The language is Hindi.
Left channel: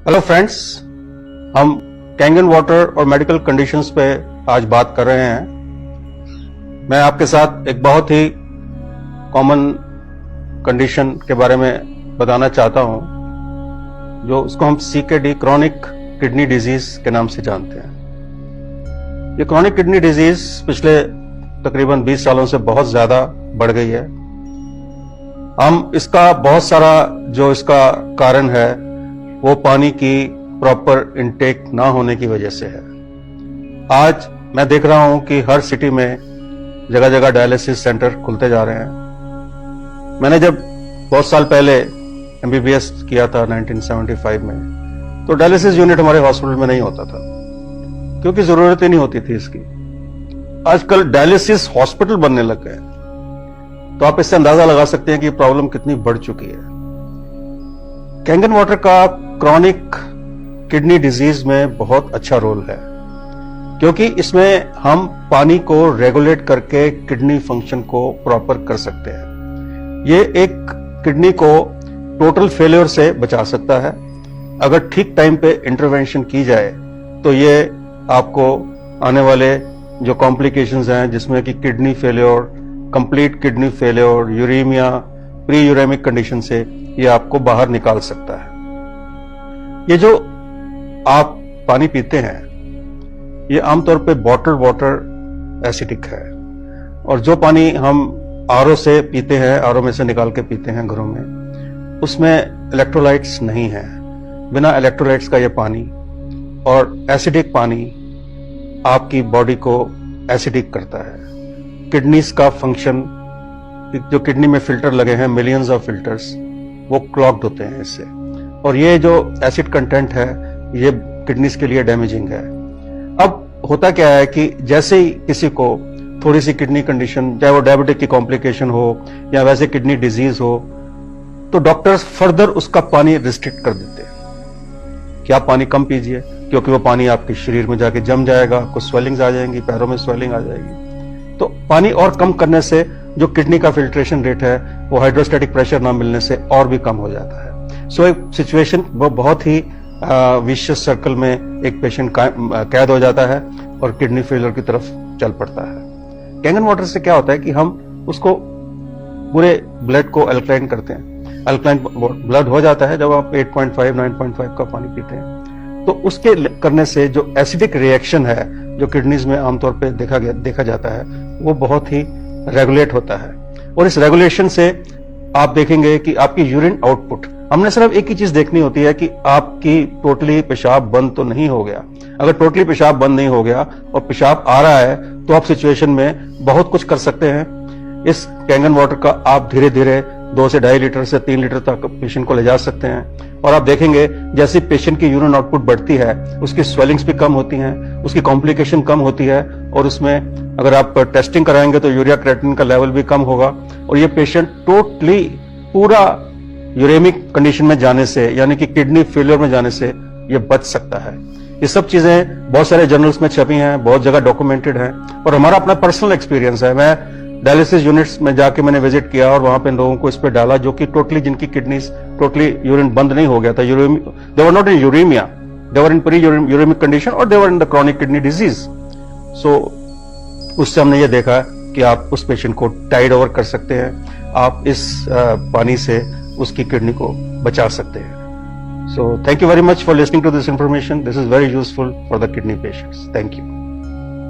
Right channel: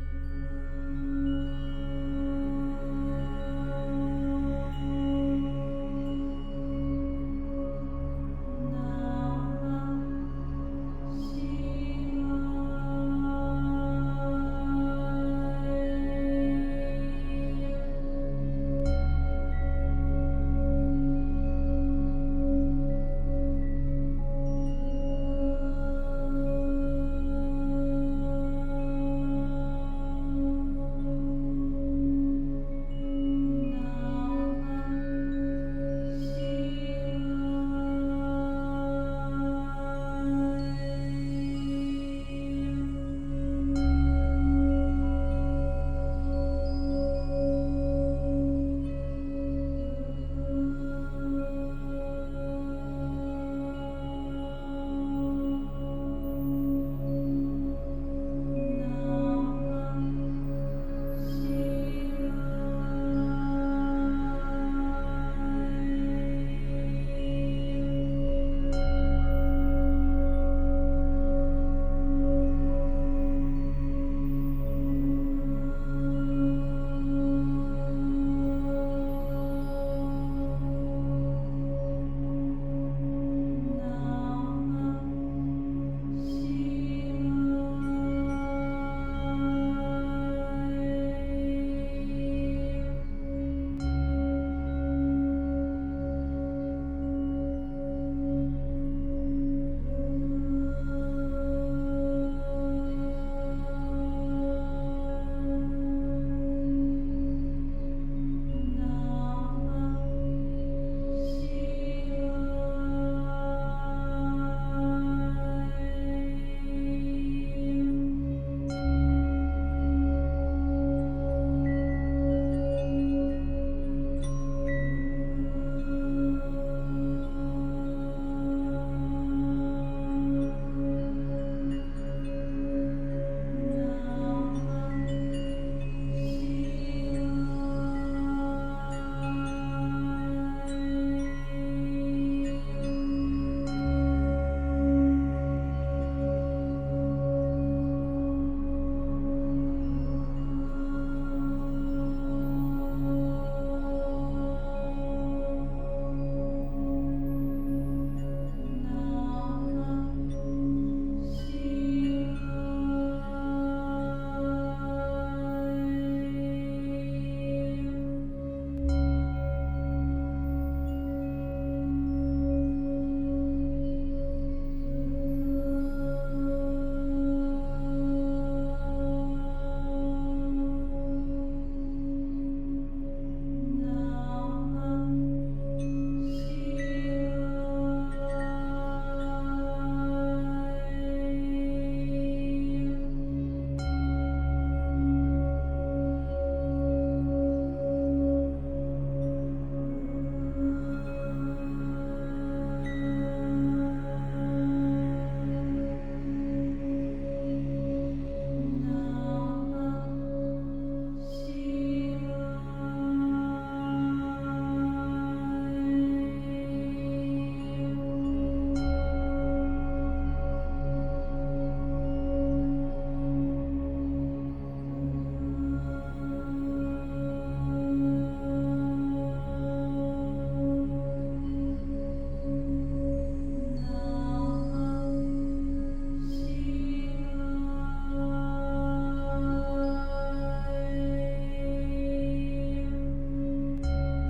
हेलो फ्रेंड्स, हम कैंगन वाटर और मेडिकल कंडीशंस पे आज बात कर रहे हैं। मैं आपके साथ एक बहुत ही कॉमन कंडीशन के बारे में बताना चाहता हूं, जो उसको हम CKD क्रॉनिक किडनी डिजीज के नाम से जानते हैं। ये क्रॉनिक किडनी डिजीज पिछले तकरीबन 20 सालों से बहुत ज्यादा बढ़ गई है। हम इसका बहुत सारा जो इसका कारण है वो पानी की प्रॉपर इनटेक ना होने की वजह से है। आज मैं देख रहा हूं कि हर सिटी में जगह जगह डायलिसिस सेंटर खुलते जा रहे हैं। मैंने जब बहुत साल पहले MBBS किया था 1975 में, तो डायलिसिस यूनिट हमारे हॉस्पिटल में नहीं होता था क्योंकि जरूरत ही नहीं होती थी इसकी। आजकल डायलिसिस हॉस्पिटल बनने लग गए, तो आप इससे अंदाजा लगा सकते हैं कि प्रॉब्लम कितनी बढ़ चुकी है। कैंगन वाटर का क्रॉनिक किडनी डिजीज में बहुत अच्छा रोल है, क्योंकि इसमें हम पानी को रेगुलेट करके किडनी फंक्शन को प्रॉपर कर सकते हैं। ये एक किडनी को टोटल फेलियर से बचा सकता है। अगर ठीक टाइम पे इंटरवेंशन की जाए तो ये आपको आने वाले जो कॉम्प्लिकेशंस हैं, जिसमें कि kidney failure, complete kidney failure, uremia, pre uremic condition से ये आपको बाहर निकाल सकता है। ये जो आप पानी पीते हैं ये आमतौर पे बॉटल्ड वाटर एसिडिक है, और जो पानी हम RO से पीते हैं, RO में से निकाल के पीते हैं घरों में, उसमें इलेक्ट्रोलाइट्स नहीं है। बिना इलेक्ट्रोलाइट्स का ये पानी और एसिडिक पानी आपकी बॉडी को एसिडिक करता है। किडनीज का फंक्शन, जो किडनी में फिल्टर लगे हैं, मिलियंस ऑफ फिल्टर्स, वो क्लॉग्ड होते हैं इससे, और ये जो एसिड कंटेंट है ये किडनीज के लिए डैमेजिंग है। अब होता क्या है कि जैसे ही किसी को थोड़ी सी किडनी कंडीशन, चाहे वो डायबिटिक की कॉम्प्लिकेशन हो या वैसे किडनी डिजीज हो, तो डॉक्टर्स फर्दर उसका पानी रिस्ट्रिक्ट कर देते हैं कि आप पानी कम पीजिए, क्योंकि वो पानी आपके शरीर में जाके जम जाएगा, कुछ स्वेलिंग्स आ जाएंगी, पैरों में स्वेलिंग आ जाएगी। तो पानी और कम करने से जो किडनी का फिल्ट्रेशन रेट है वो हाइड्रोस्टैटिक प्रेशर ना मिलने से और भी कम हो जाता है। सो एक सिचुएशन वो बहुत ही विशियस सर्कल में एक पेशेंट कैद हो जाता है और किडनी फेलियर की तरफ चल पड़ता है। कैंगन वाटर से क्या होता है कि हम उसको पूरे ब्लड को अल्कलाइन करते हैं। अल्कलाइन ब्लड हो जाता है जब आप 8.5 9.5 का पानी पीते हैं, तो उसके करने से जो एसिडिक रिएक्शन है जो किडनीज में आमतौर पे देखा जाता है वो बहुत ही रेगुलेट होता है। और इस रेगुलेशन से आप देखेंगे कि आपकी यूरिन आउटपुट, हमने सिर्फ एक ही चीज देखनी होती है कि आपकी टोटली पेशाब बंद तो नहीं हो गया। अगर टोटली पेशाब बंद नहीं हो गया और पेशाब आ रहा है तो आप सिचुएशन में बहुत कुछ कर सकते हैं। इस कैंगन वाटर का आप धीरे धीरे 2 से 2.5 लीटर से 3 लीटर तक पेशेंट को ले जा सकते हैं, और आप देखेंगे जैसे पेशेंट की यूरिन आउटपुट बढ़ती है उसकी स्वेलिंग्स भी कम होती हैं, उसकी कॉम्प्लिकेशन कम होती है, और उसमें अगर आप टेस्टिंग कराएंगे तो यूरिया क्रिएटिनिन का लेवल भी कम होगा, और ये पेशेंट टोटली पूरा यूरेमिक कंडीशन में जाने से, यानी कि किडनी फेलियर में जाने से ये बच सकता है। ये सब चीजें बहुत सारे जर्नल्स में छपी हैं, बहुत जगह डॉक्यूमेंटेड हैं, और हमारा अपना पर्सनल एक्सपीरियंस है। मैं डायलिसिस यूनिट्स में जाके मैंने विजिट किया और वहां पे लोगों को इस पे डाला जो कि टोटली, जिनकी किडनीज टोटली यूरिन बंद नहीं हो गया था, they were not in uremia, they were in pre uremic condition, और they were in the chronic kidney disease. So उससे हमने ये देखा कि आप उस पेशेंट को टाइड ओवर कर सकते हैं, आप इस पानी से उसकी किडनी को बचा सकते हैं। So thank you very much for listening to this information. This is very useful for the kidney patients. Thank you.